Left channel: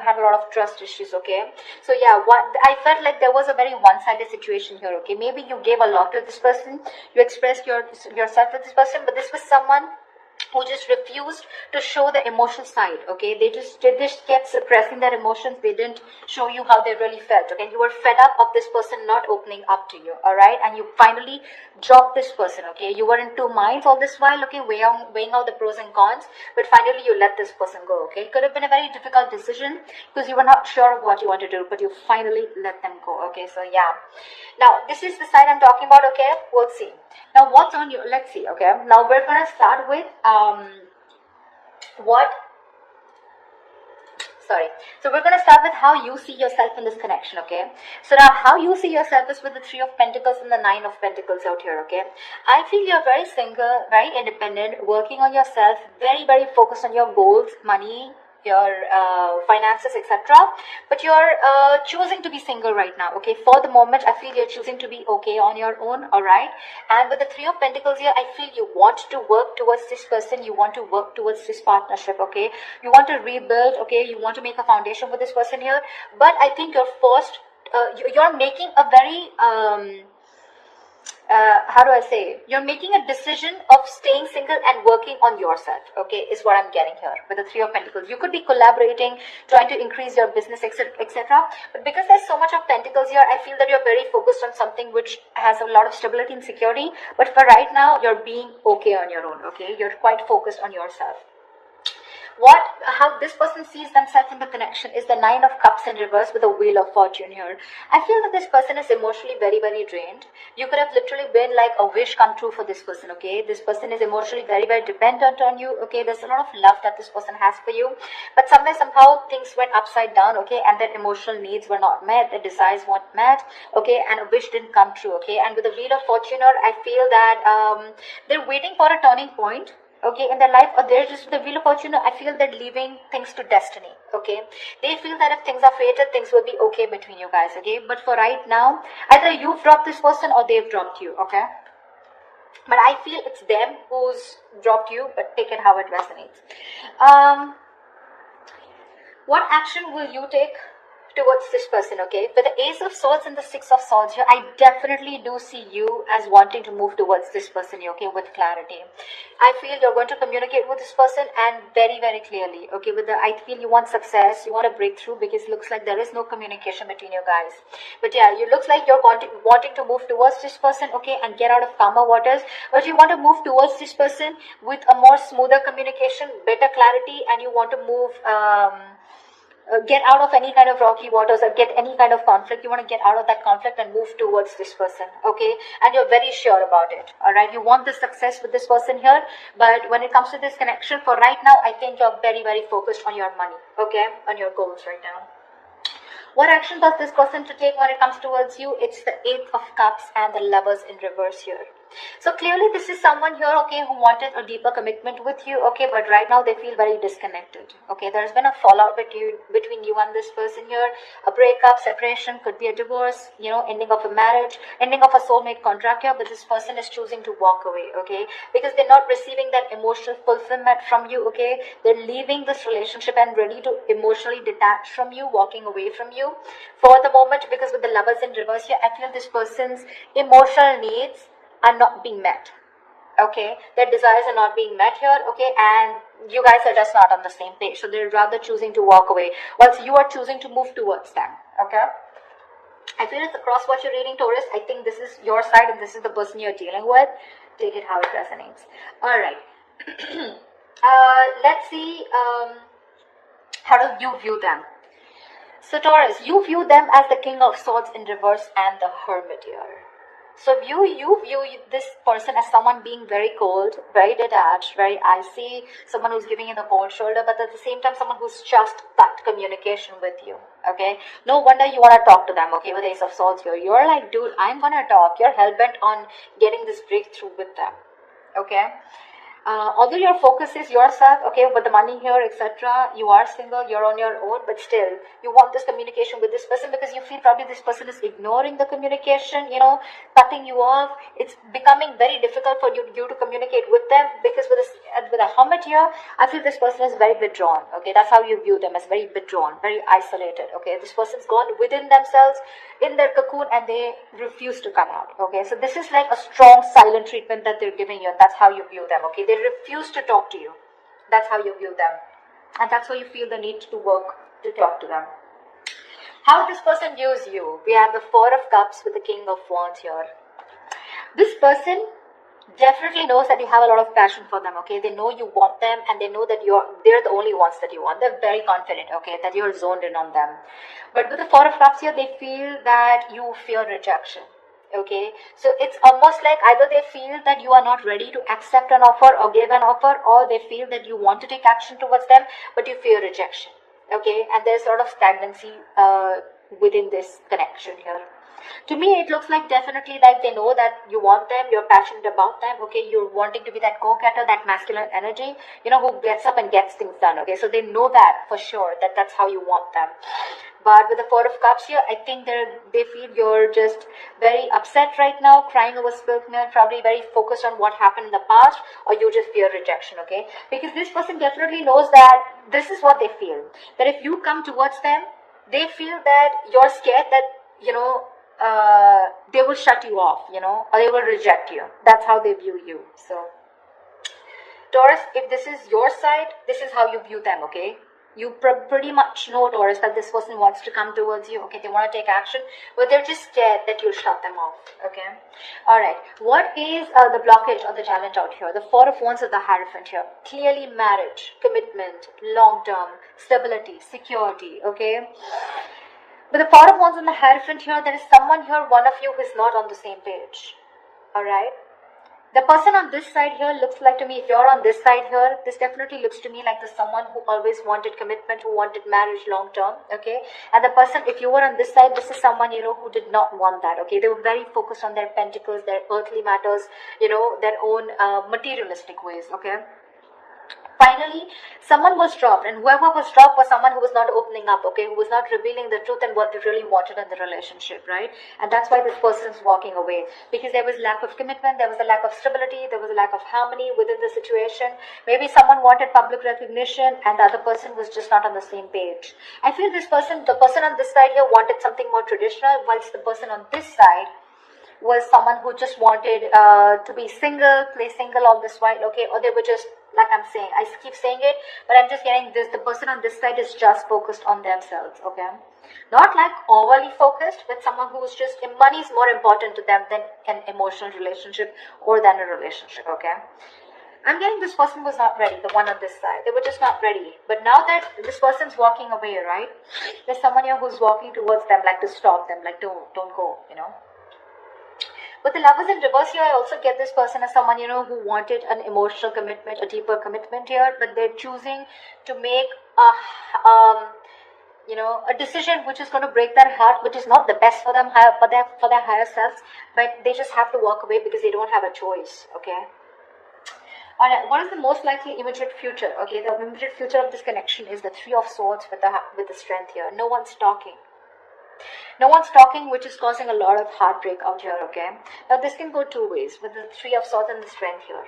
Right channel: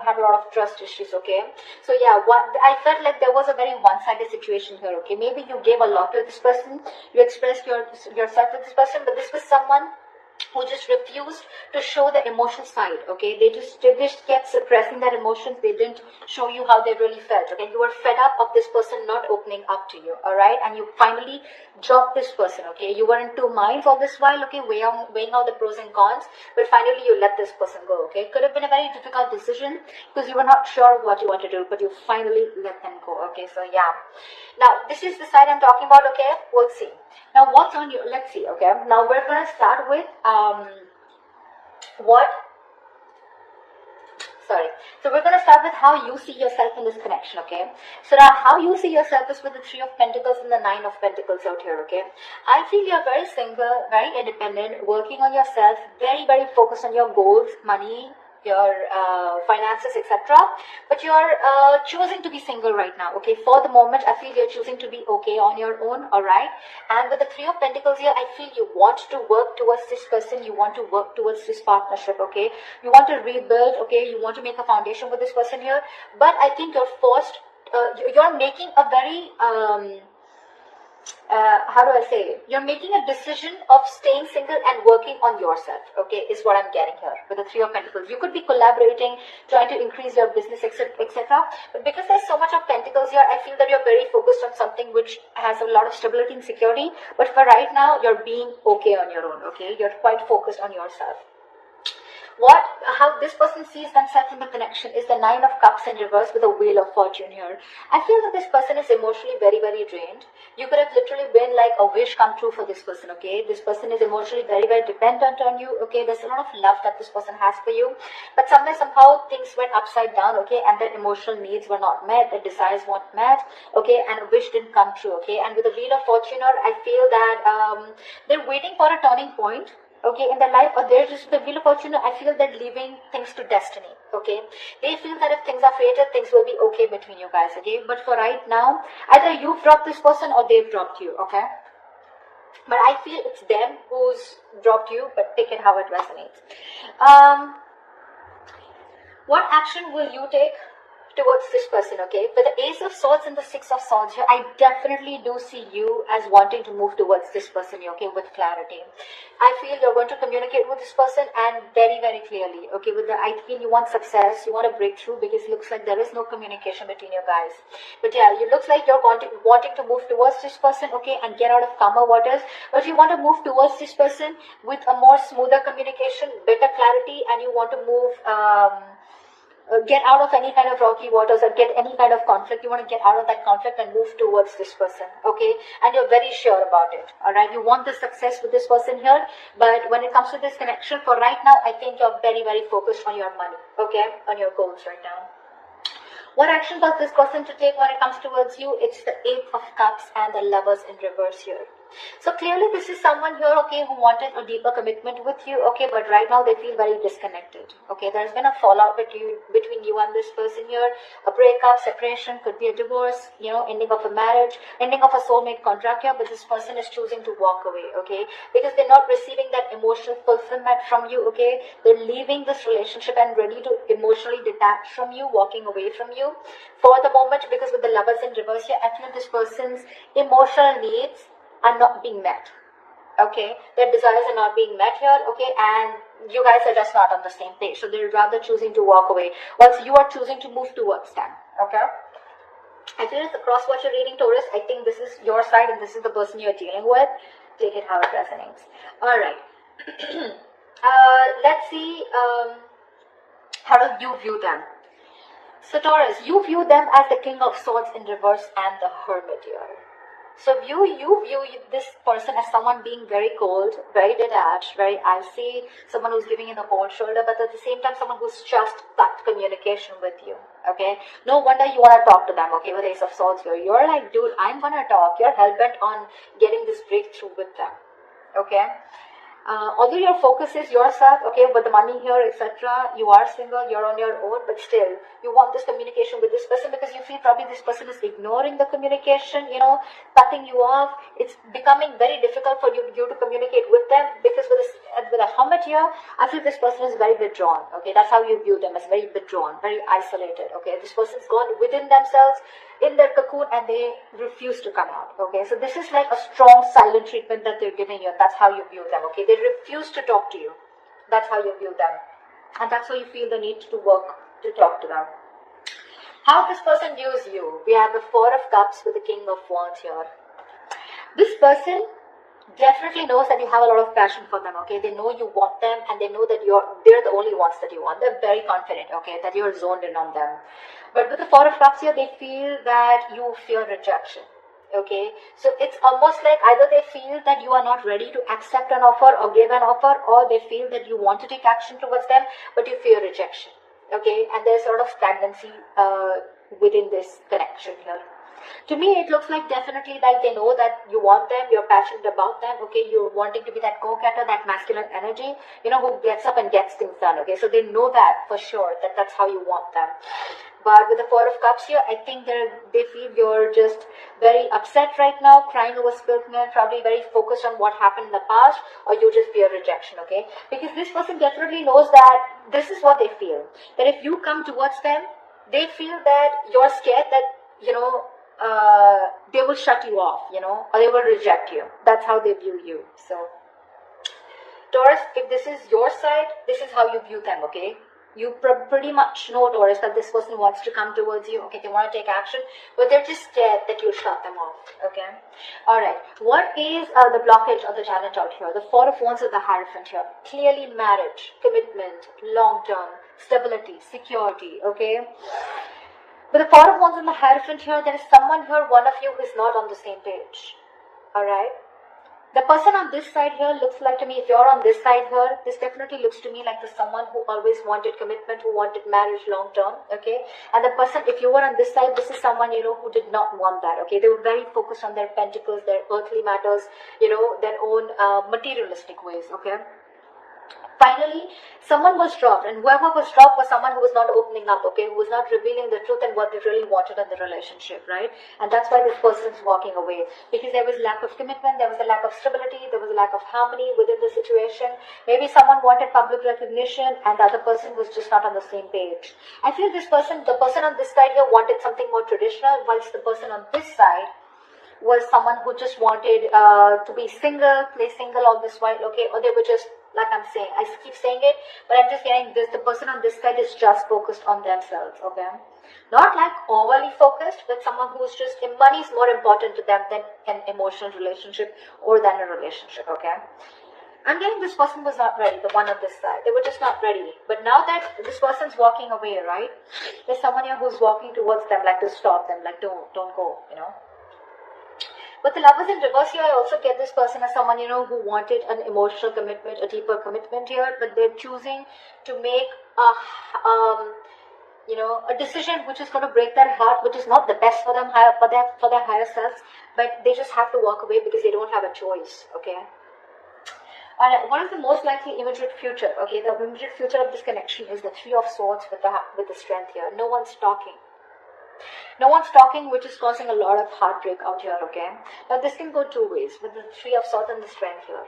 had a lot of trust issues, okay? So yeah, I felt like there was a very one-sided situation here, okay? Maybe you gave a lot to this person, you expressed yourself to this person, but this was someone who just refused to show the emotional side, okay? They just kept suppressing their emotions. They didn't show you how they really felt, okay? You were fed up of this person not opening up to you, all right? And you finally dropped this person, okay? You were in two minds all this while, okay, weighing out the pros and cons, but finally you let this person go, okay? It could have been a very difficult decision because you were not sure what you want to do, but you finally let them go, okay? So yeah. Now, this is the side I'm talking about, okay? We'll see. Now, what's on your, let's see, okay? Now, we're going to start with, so we're going to start with how you see yourself in this connection, okay? So now, how you see yourself is with the Three of Pentacles and the Nine of Pentacles out here, okay? I feel you're very single, very independent, working on yourself, very, very focused on your goals, money, your finances, etc. But you're choosing to be single right now, okay? For the moment, I feel you're choosing to be okay on your own, all right? And with the Three of Pentacles here, I feel you want to work towards this person, you want to work towards this partnership, okay? You want to rebuild, okay? You want to make a foundation with this person here, but I think you're forced, you're making a very how do I say, you're making a decision of staying single and working on yourself, okay, is what I'm getting here with the Three of Pentacles. You could be collaborating, trying to increase your business, etc., but because there's so much of Pentacles here, I feel that you're very focused on something which has a lot of stability and security, but for right now, you're being okay on your own, okay? You're quite focused on yourself. How this person sees themselves in the connection is the Nine of Cups in reverse with the Wheel of Fortune here. I feel that this person is emotionally very, very drained. You could have literally been like a wish come true for this person, okay? This person is emotionally very, very dependent on you, okay? There's a lot of love that this person has for you, but somehow things went upside down, okay? And their emotional needs were not met, their desires weren't met, okay? And a wish didn't come true, okay? And with the Wheel of Fortune here, I feel that they're waiting for a turning point, okay, in their life, or they're just the Wheel of Fortune. I feel they're leaving things to destiny, okay? They feel that if things are fated, things will be okay between you guys, okay? But for right now, either you've dropped this person or they've dropped you, okay? But I feel it's them who's dropped you, but take it how it resonates. What action will you take towards this person, okay? But the Ace of Swords and the Six of Swords here, I definitely do see you as wanting to move towards this person, okay, with clarity. I feel you're going to communicate with this person and very, very clearly, okay? I feel you want success, you want a breakthrough, because it looks like there is no communication between you guys. But yeah, it looks like you're wanting to move towards this person, okay, and get out of calmer waters. But you want to move towards this person with a more smoother communication, better clarity, and you want to move get out of any kind of rocky waters and get any kind of conflict. You want to get out of that conflict and move towards this person, okay? And you're very sure about it, all right? You want the success with this person here, but when it comes to this connection, for right now, I think you're very, very focused on your money, okay? On your goals right now. What action does this person to take when it comes towards you? It's the Eight of Cups and the Lovers in reverse here. So clearly this is someone here, okay, who wanted a deeper commitment with you, okay, but right now they feel very disconnected, okay? There's been a fallout between you and this person here, a breakup, separation, could be a divorce, you know, ending of a marriage, ending of a soulmate contract here, but this person is choosing to walk away, okay? Because they're not receiving that emotional fulfillment from you, okay? They're leaving this relationship and ready to emotionally detach from you, walking away from you for the moment, because with the Lovers in reverse here, I feel this person's emotional needs are not being met, okay? Their desires are not being met here, okay? And you guys are just not on the same page, so they're rather choosing to walk away whilst you are choosing to move towards them, okay? I feel it's across what you're reading, Taurus. I think this is your side and this is the person you're dealing with. Take it how it resonates. All right. Let's see how do you view them. So Taurus, you view them as the King of Swords in reverse and the Hermit here. So you view this person as someone being very cold, very detached, very icy, someone who's giving you the cold shoulder, but at the same time, someone who's just cut communication with you, okay? No wonder you want to talk to them, okay, with Ace of Swords here. You're like, dude, I'm going to talk. You're hell-bent on getting this breakthrough with them, okay? Although your focus is yourself, okay, but the money here, etc., you are single, you're on your own, but still, you want this communication with this person because you feel probably this person is ignoring the communication, cutting you off. It's becoming very difficult for you to communicate with them because with a hermit here, I feel this person is very withdrawn, okay. That's how you view them, as very withdrawn, very isolated, okay. This person's gone within themselves, in their cocoon, and they refuse to come out, okay. So this is like a strong silent treatment that they're giving you, and that's how you view them, okay. They refuse to talk to you. That's how you view them, and that's why you feel the need to work to talk to them. How this person views you: we have the Four of Cups with the King of Wands here. This person definitely knows that you have a lot of passion for them, okay. They know you want them, and they know that they're the only ones that you want. They're very confident, okay, that you're zoned in on them. But with the Four of Cups here, they feel that you fear rejection, okay. So it's almost like either they feel that you are not ready to accept an offer or give an offer, or they feel that you want to take action towards them, but you fear rejection, okay. And there's a lot of stagnancy within this connection here. To me, it looks like definitely like they know that you want them, you're passionate about them, okay, you're wanting to be that go-getter, that masculine energy, who gets up and gets things done, okay. So they know that for sure, that that's how you want them. But with the Four of Cups here, I think they feel you're just very upset right now, crying over spilled milk, probably very focused on what happened in the past, or you just fear rejection, okay. Because this person definitely knows that this is what they feel, that if you come towards them, they feel that you're scared that, they will shut you off, or they will reject you. That's how they view you. So, Taurus, if this is your side, this is how you view them, okay? You pretty much know, Taurus, that this person wants to come towards you, okay? They want to take action, but they're just scared that you'll shut them off, okay? Alright, what is the blockage or the challenge out here? The Four of Wands or the Hierophant here. Clearly marriage, commitment, long-term, stability, security, okay? With the Four of Wands and the Hierophant here, there is someone here, one of you, who is not on the same page. Alright? The person on this side here looks like to me, if you're on this side here, this definitely looks to me like there's someone who always wanted commitment, who wanted marriage long term, okay? And the person, if you were on this side, this is someone, who did not want that, okay? They were very focused on their pentacles, their earthly matters, their own materialistic ways, okay? Finally, someone was dropped, and whoever was dropped was someone who was not opening up, okay, who was not revealing the truth and what they really wanted in the relationship, right? And that's why this person is walking away, because there was lack of commitment, there was a lack of stability, there was a lack of harmony within the situation. Maybe someone wanted public recognition, and the other person was just not on the same page. I feel the person on this side here wanted something more traditional, whilst the person on this side was someone who just wanted to be single, play single all this while, okay, or they were just, like I'm saying, I keep saying it, but I'm just getting this, the person on this side is just focused on themselves, okay, not like overly focused, but someone who's just, money is more important to them than an emotional relationship or than a relationship, okay. I'm getting this person was not ready, the one on this side. They were just not ready. But now that this person's walking away, right, there's someone here who's walking towards them, like to stop them, like don't go, But the Lovers in reverse here, I also get this person as someone, who wanted an emotional commitment, a deeper commitment here, but they're choosing to make a decision which is going to break their heart, which is not the best for them, for their higher selves, but they just have to walk away because they don't have a choice, okay? What is the most likely immediate future? Okay, the immediate future of this connection is the Three of Swords with the Strength here. No one's talking. No one's talking, which is causing a lot of heartbreak out here, okay? Now, this can go two ways, with the Three of Swords and the Strength here.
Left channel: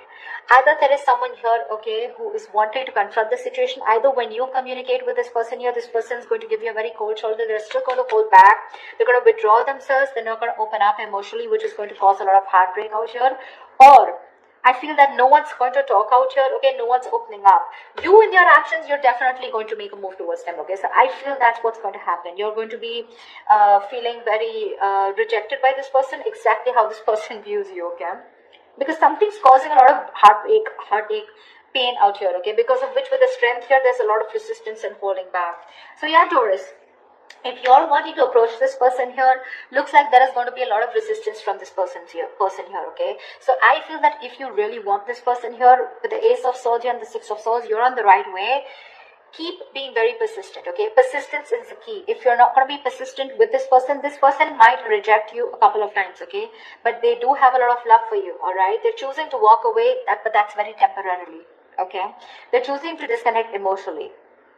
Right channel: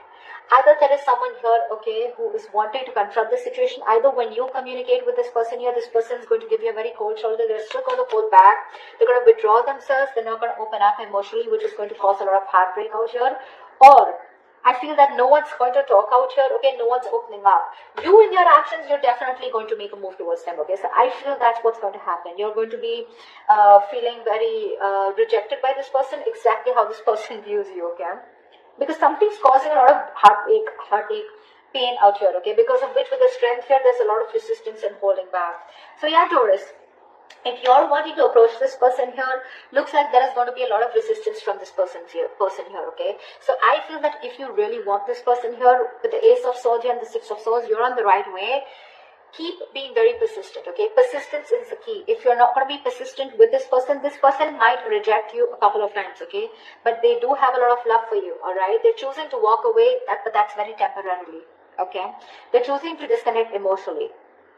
Either there is someone here, okay, who is wanting to confront the situation. Either when you communicate with this person here, this person is going to give you a very cold shoulder. They're still going to hold back. They're going to withdraw themselves. They're not going to open up emotionally, which is going to cause a lot of heartbreak out here. Or I feel that no one's going to talk out here, okay, no one's opening up. You in your actions, you're definitely going to make a move towards them, okay, so I feel that's what's going to happen. You're going to be feeling very rejected by this person, exactly how this person views you, okay, because something's causing a lot of heartache, pain out here, okay, because of which with the Strength here, there's a lot of resistance and holding back. So yeah, Taurus, if you're wanting to approach this person here, looks like there is going to be a lot of resistance from this person here, okay? So I feel that if you really want this person here, with the Ace of Swords and the Six of Swords, you're on the right way. keep being very persistent, okay? Persistence is the key. If you're not going to be persistent with this person might reject you a couple of times, okay? But they do have a lot of love for you, all right? They're choosing to walk away, but that's very temporarily, okay? They're choosing to disconnect emotionally,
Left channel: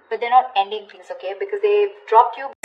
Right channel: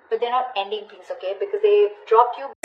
but they're not ending things, okay? Because they've dropped you